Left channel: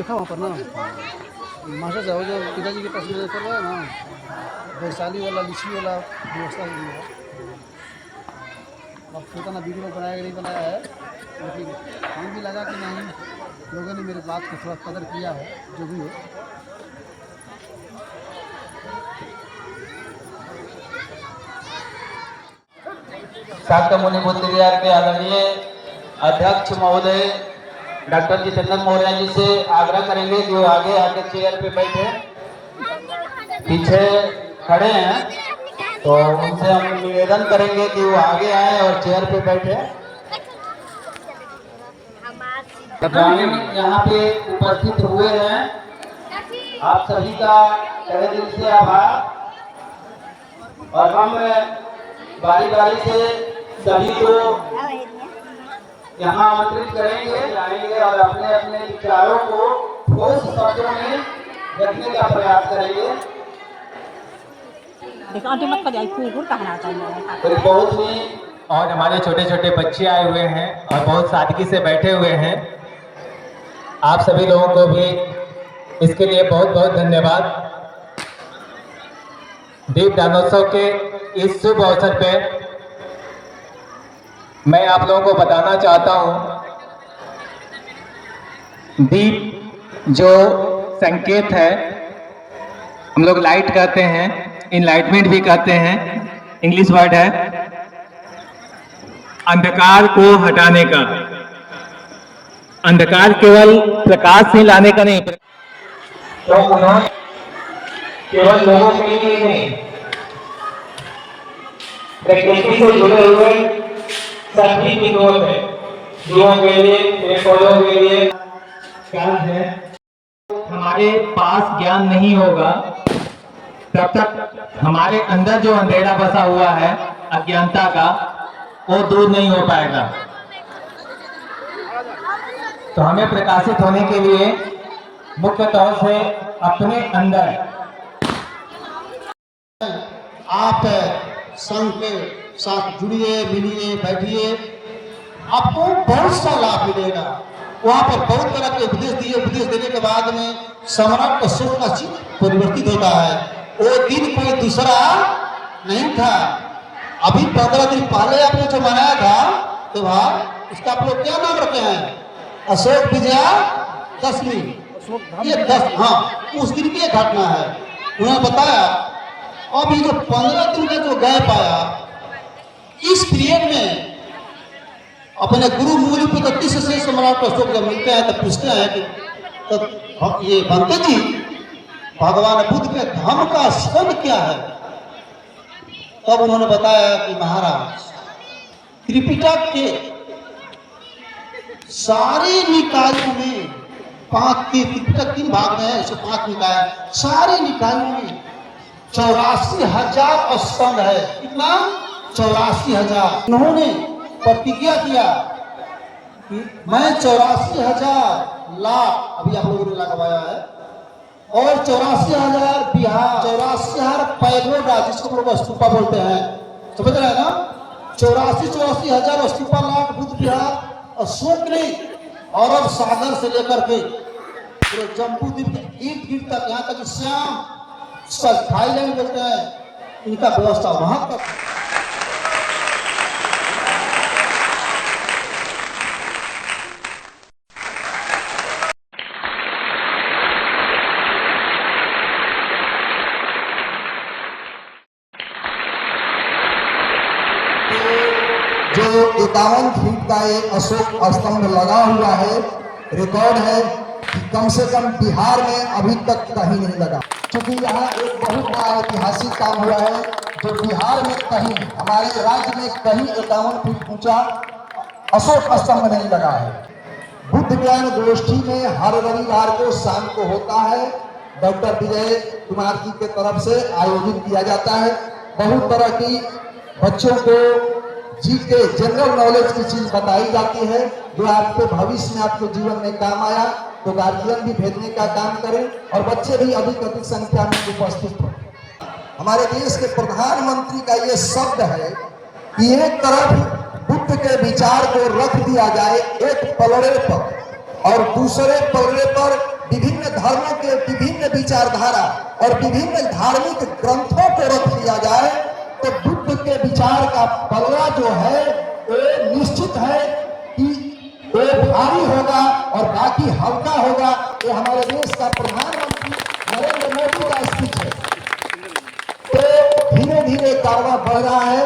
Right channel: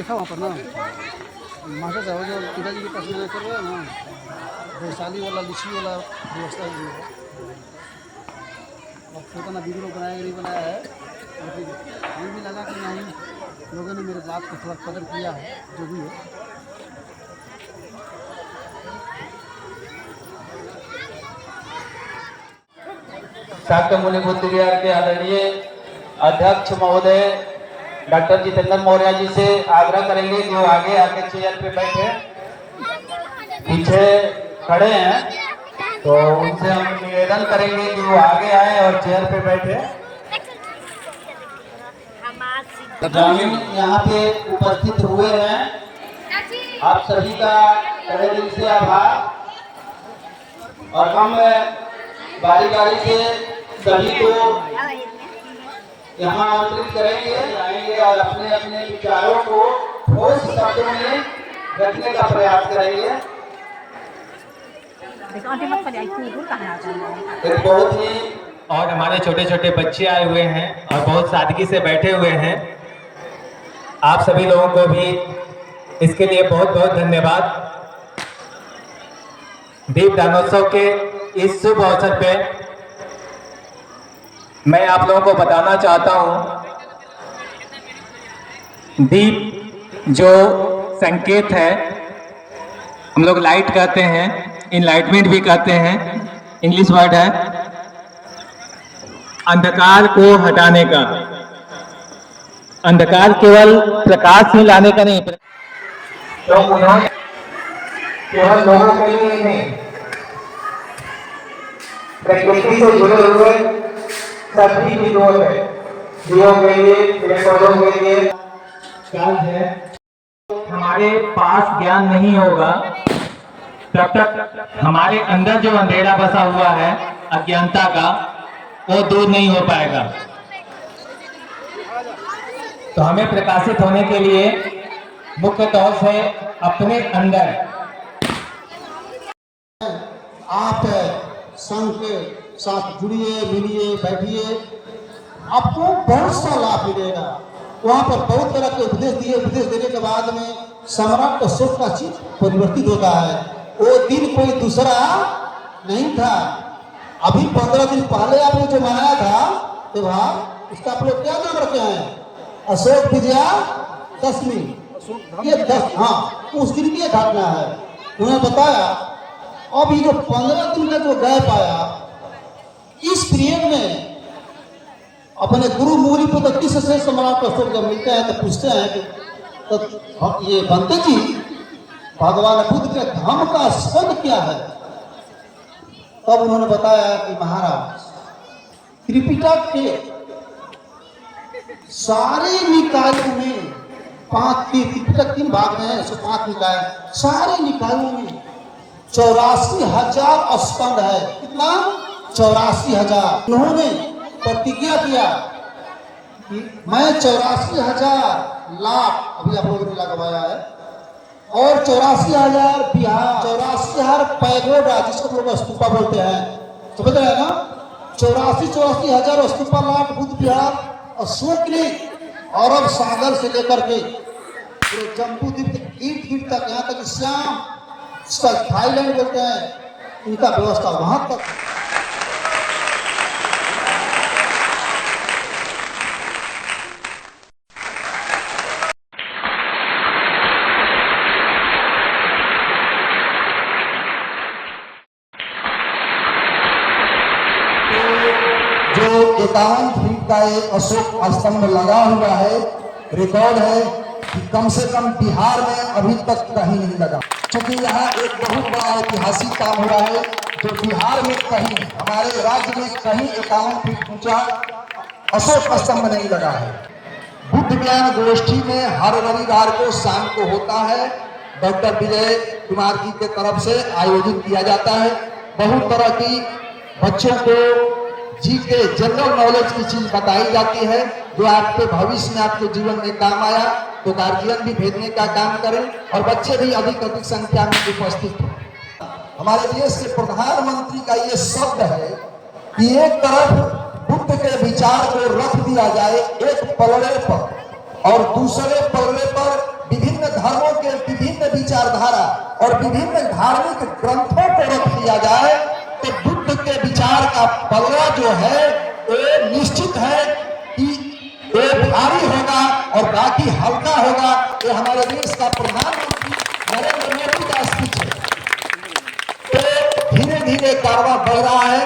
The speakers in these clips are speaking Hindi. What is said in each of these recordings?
देखा वहाँ पर ना मास्टर साहब जो पिताजी की तस्वीर कर रहे हैं ना, वैशाली वाला लीची वाला व्यवस्था हो गई है। अब पता ना वीडियो बनाया नहीं बनाया है, लेकिन हमें भी लगा कि नहीं, लोगों ने मेरे बात की थोड़ा कदर किया है, जो भी है। शाक्यमुनि बुद्ध विहार के आदरणीय अध्यक्ष महोदय डॉक्टर जितेंद्र मौर्य जी से आग्रह करेंगे कि वो आगे आके चेयर पे बैठे। पीछे खड़े हैं तो उनसे हम निवेदन करेंगे कि वो आगे आए और चेयर पे बैठे। ग्रामीण यहाँ पे उपस्थित हुए हैं, आप सभी का तहे दिल से आभार। और हम बारी बारी से सभी को यहाँ आमंत्रित करेंगे, आएंगे और अपने अपने विचारों को ठोस शब्दों में रखने का प्रयास करेंगे। एक बहुत ही और हमारे छोटे छोटे बच्चे आए हुए हैं और बहुत सादगी से बैठे हुए हैं। आप सभी लोगों को भी इसके लिए बहुत बहुत धन्यवाद। दीप दानोत्सव के इस शुभ अवसर पे मैं आप लोगों को बताना चाहता हूं, दीप जो संकेत है, हम लोग लाइट कहते हैं, इनलाइटमेंट भी कहते हैं, इंग्लिश वर्ड है, अंधकार को हटाने का। अंधकार केवल प्रकाश ही लाने का नहीं, तो उन्होंने केवल लोगों के लिए नहीं, प्रकृति से जुड़े हुए सभी चीजों में, जीवों के लिए, पेड़ पौधों के लिए ज्ञान है। हमारे पास ज्ञान नहीं होगा तब तक हमारे अंदर जो अंधेरा बसा हुआ है अज्ञानता का, वो दूर नहीं हो पाएगा। तो हमें प्रकाशित होने के लिए मुख्य तौर से अपने अंदर आप संघ के साथ जुड़िए, मिलिए, बैठिए, आपको बहुत सा लाभ मिलेगा। वहाँ पर बहुत तरह के उपदेश दिए, उपदेश देने के बाद में सम्राट अशोक का चित्त परिवर्तित होता है। वो दिन कोई दूसरा नहीं था। अभी 15 दिन पहले आपने जो मनाया था त्योहार, उसका आप लोग क्या नाम रखे हैं? अशोक विजया दशमी। ये 10, हाँ, उस दिन की घटना है। उन्होंने बताया अब ये जो 15 दिन का जो गैप आया, इस पीरियड में अपने गुरु मूल पद्धति से सम्राट अशोक जब मिलते हैं तो पूछते हैं कि तो ये बनते जी, भगवान बुद्ध के धर्म का शब्द क्या है? तब उन्होंने बताया कि महाराज, त्रिपिटक के सारे निकायों में 5 त्रिपिटक 3 भाग में है, 5 निकाय, सारे निकायों में 84,000 स्कंद है। कितना? 84,000। उन्होंने प्रतिज्ञा किया कि मैं 84,000 लाख, अभी आप लोगों ने लगवाया है, और 84,000 बिहार, 84,000 पैगोडा, जिसको लोग स्तूपा बोलते हैं, समझ रहे हैं ना? 84,000 स्तूपा, लाख बुद्ध विहार अशोक ने अरब सागर से लेकर के पूरे जम्बू द्वीप के ईट तक, यहाँ तक श्याम, उसका थाईलैंड बोलते हैं, इनका व्यवस्था वहां तक। जो 51 फीट का ये अशोक स्तंभ लगा हुआ है, रिकॉर्ड है कि कम से कम बिहार में अभी तक कहीं नहीं लगा। क्योंकि यहाँ एक बहुत बड़ा ऐतिहासिक काम हुआ है, जो बिहार में कहीं, हमारे राज्य में कहीं 51 फीट ऊंचा अशोक स्तंभ नहीं लगा है। बुद्ध ज्ञान गोष्ठी में हर रविवार को शाम को होता है, डॉक्टर विजय कुमार जी के तरफ से आयोजित किया जाता है। बहुत तरह की बच्चों को जी के जनरल नॉलेज की चीज बताई जाती है, जो आपके भविष्य में आपके जीवन में काम आया। तो गार्जियन भी भेजने का काम करें और बच्चे भी अधिक अधिक संख्या में उपस्थित हो। हमारे देश के प्रधानमंत्री का ये शब्द है कि एक तरफ बुद्ध के विचार को रख दिया जाए एक पलड़े पर, और दूसरे पलड़े पर धार्मिक ग्रंथों को रख लिया जाए तो बुद्ध के विचार का पलड़ा जो है ये निश्चित है कि ये भारी होगा और बाकी हल्का होगा। ये हमारे देश का प्रधानमंत्री नरेंद्र मोदी का स्पीच है। तो धीरे धीरे कारवां बढ़ रहा है।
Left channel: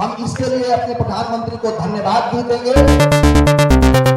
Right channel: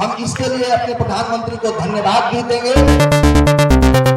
हम इसके लिए अपने प्रधानमंत्री को धन्यवाद भी देंगे।